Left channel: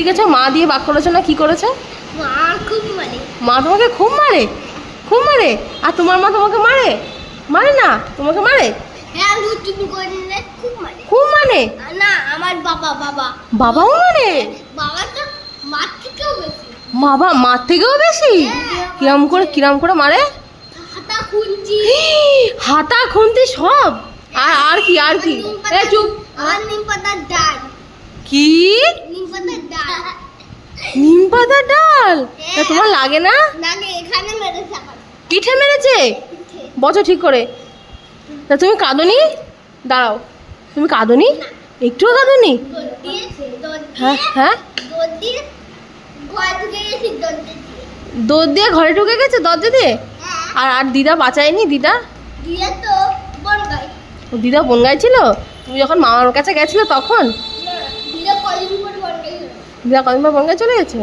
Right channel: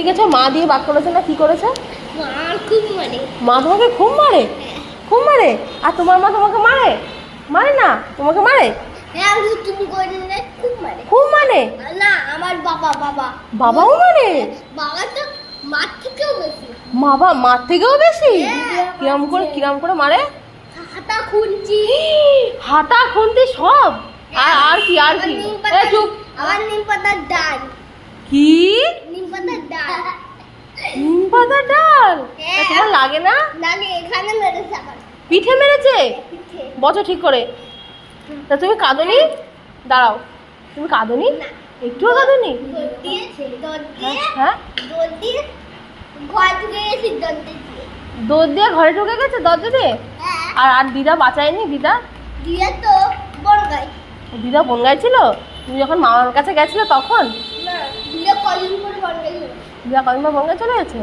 দিয়ে গেছো, মা দিয়ে বাক করেছো না কি করেছো? মা খুব মানে মা তোমাকে খুব মারে? খুব মারে? আর তোমার মা তোমাকে মারে? মারে না? তোমাকে মারে? হ্যাঁ তুমি করে নিলে খুব মানে খুব মানে? না আমার বাবা বাবাও মারে? বাবা তো মার থেকেও বেশি বাবা মার থেকেও বেশি? কিরম করে মারে? হাতা খুঁজি হাতা খুন্তি সব? আর কি এ চুপ। আমার নিম পাতার ডাল কি? নিম পাতার ডাল নিম পাতার ডাল? তা তোমার লাগে না? লাগে এখানে মেরেছে আবার পিঠে মেরেছে? বছো ঠিক করে। তা তুমি কাঁদোনি? দাঁড়াও, তুমি কাঁদোনি? একটুও কাঁদোনি? হ্যাঁ হ্যাঁ, দৌড় দিয়ে ঘর ঢুকে গেছি দৌড় দিয়ে ঘরে ঢুকে গেছে দরজা দিয়ে? আর দিদা বাঁচায়নি? দিদা দিয়ে তো বনগাই দিদা বনগায় ছিল? তুমি যখন মামার কাছে গেছিলে তখন? না দিয়ে কলিং করে বনগাই দিদা কদিন পর বনগায় চলে গেছে?